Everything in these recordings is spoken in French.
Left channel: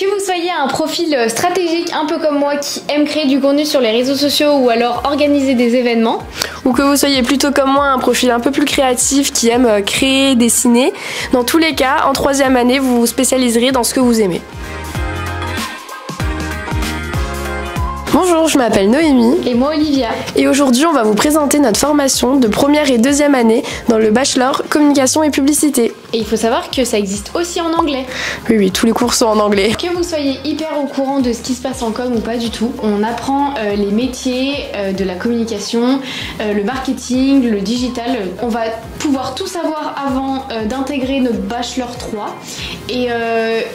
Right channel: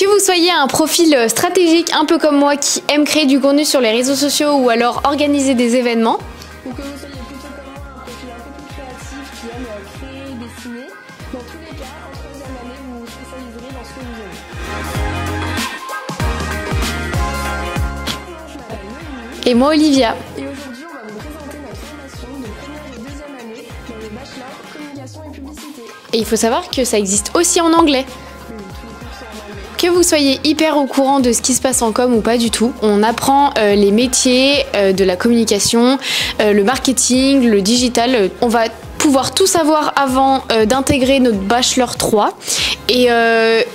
Que vous soyez un profil stratégique un peu comme moi qui aime créer du contenu sur les réseaux sociaux ou alors organiser des événements, ou que vous soyez plutôt comme moi un profil un peu plus créatif qui aime créer, dessiner, dans tous les cas, en 3e année, vous vous spécialiserez dans ce que vous aimez. Bonjour, je m'appelle Noémie. Et moi Olivia. Et aujourd'hui, on va vous présenter notre formation de 1re et 2e année dans le bachelor communication et publicité. Et il faut savoir que ça existe aussi en anglais. Oui, tous les cours sont en anglais. Que vous soyez hyper au courant de ce qui se passe en com ou pas du tout, on apprend les métiers de la communication, le marketing, le digital. On va pouvoir tout savoir avant d'intégrer notre Bachelor 3. Et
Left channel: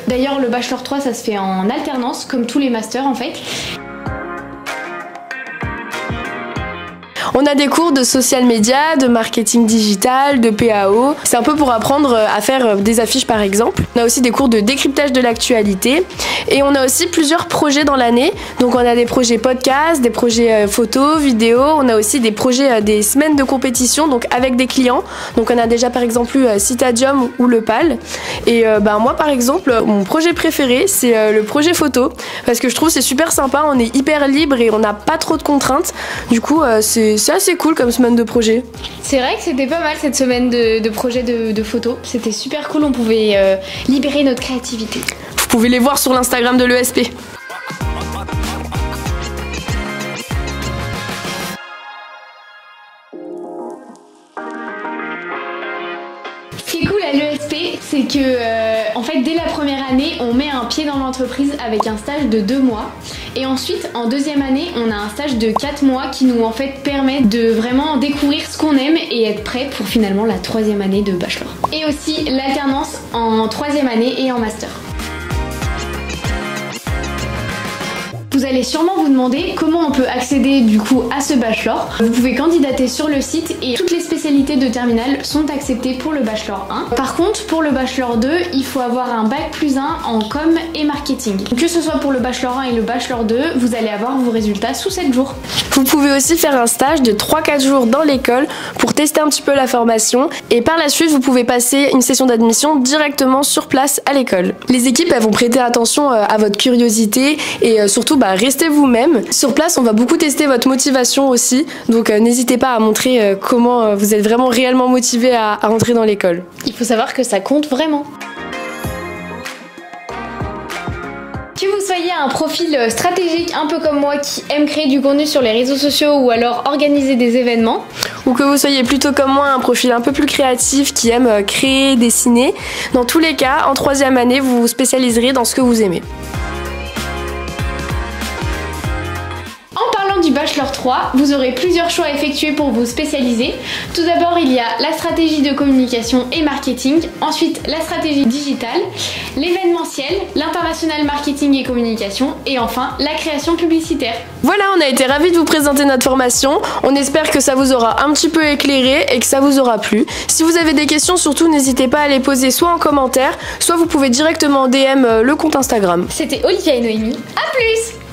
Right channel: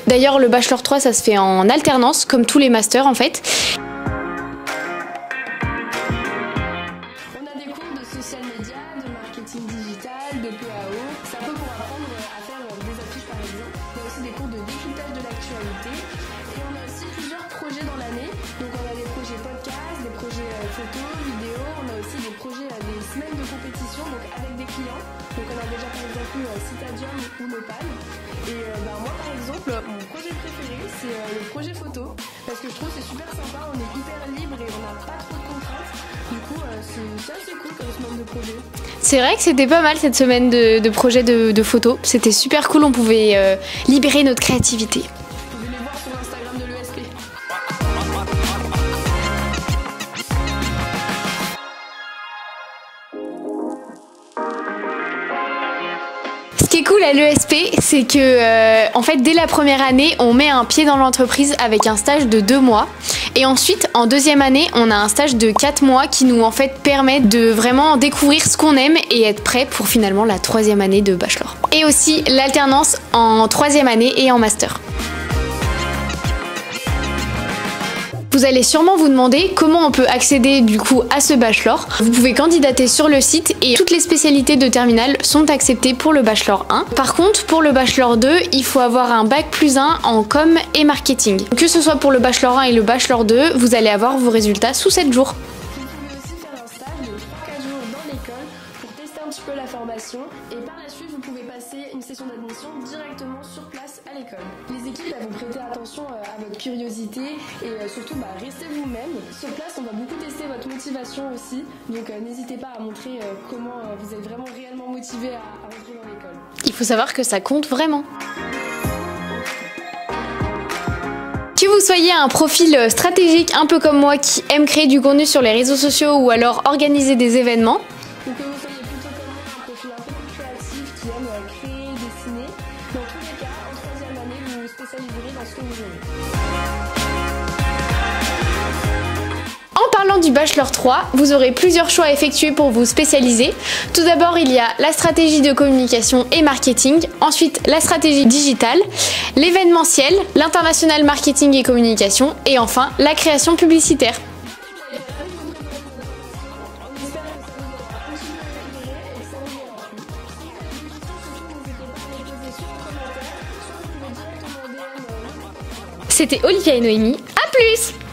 d'ailleurs, le Bachelor 3, ça se fait en alternance, comme tous les masters en fait. On a des cours de social media, de marketing digital, de PAO. C'est un peu pour apprendre à faire des affiches par exemple. On a aussi des cours de décryptage de l'actualité. Et on a aussi plusieurs projets dans l'année. Donc on a des projets podcast, des projets photos, vidéos. On a aussi des projets des semaines de compétition donc avec des clients. Donc on a déjà par exemple eu Citadium ou le PAL. Et moi par exemple, mon projet préféré c'est le projet photo. Parce que je trouve c'est super sympa, on est hyper libre et on n'a pas trop de contraintes. Du coup c'est assez cool comme semaine de projet. C'est vrai que c'était pas mal cette semaine de projet de photos. C'était super cool, on pouvait libérer notre créativité. Vous pouvez les voir sur l'Instagram de l'ESP. Ce qui est cool à l'ESP, c'est que en fait dès la première année, on met un pied dans l'entreprise avec un stage de 2 mois. Et ensuite, en 2e année, on a un stage de 4 mois qui nous en fait permet de vraiment découvrir ce qu'on aime et être prêt pour finalement la 3e année de bachelor. Et aussi l'alternance en 3e année et en master. Vous allez sûrement vous demander comment on peut accéder du coup à ce bachelor. Vous pouvez candidater sur le site et toutes les spécialités de terminale sont acceptées pour le bachelor 1. Par contre, pour le bachelor 2, il faut avoir un bac plus 1 en com et marketing. Que ce soit pour le bachelor 1 et le bachelor 2, vous allez avoir vos résultats sous 7 jours. Vous pouvez aussi faire un stage de 3-4 jours dans l'école pour tester un petit peu la formation et par la suite, vous pouvez passer une session d'admission directement sur place à l'école. Les équipes elles vont prêter attention à votre curiosité et surtout restez vous-même. Sur place, on va beaucoup tester votre motivation aussi, donc n'hésitez pas à montrer comment vous êtes vraiment réellement motivé à rentrer dans l'école. Il faut savoir que ça compte vraiment. Que vous soyez un profil stratégique un peu comme moi qui aime créer du contenu sur les réseaux sociaux ou alors organiser des événements, ou que vous soyez plutôt comme moi un profil un peu plus créatif qui aime créer, dessiner, dans tous les cas, en 3e année, vous vous spécialiserez dans ce que vous aimez. Du Bachelor 3, vous aurez plusieurs choix à effectuer pour vous spécialiser. Tout d'abord, il y a la stratégie de communication et marketing, ensuite la stratégie digitale, l'événementiel, l'international marketing et communication et enfin la création publicitaire. Voilà, on a été ravis de vous présenter notre formation. On espère que ça vous aura un petit peu éclairé et que ça vous aura plu. Si vous avez des questions, surtout n'hésitez pas à les poser soit en commentaire, soit vous pouvez directement DM le compte Instagram. C'était Olivia et Noémie. À plus!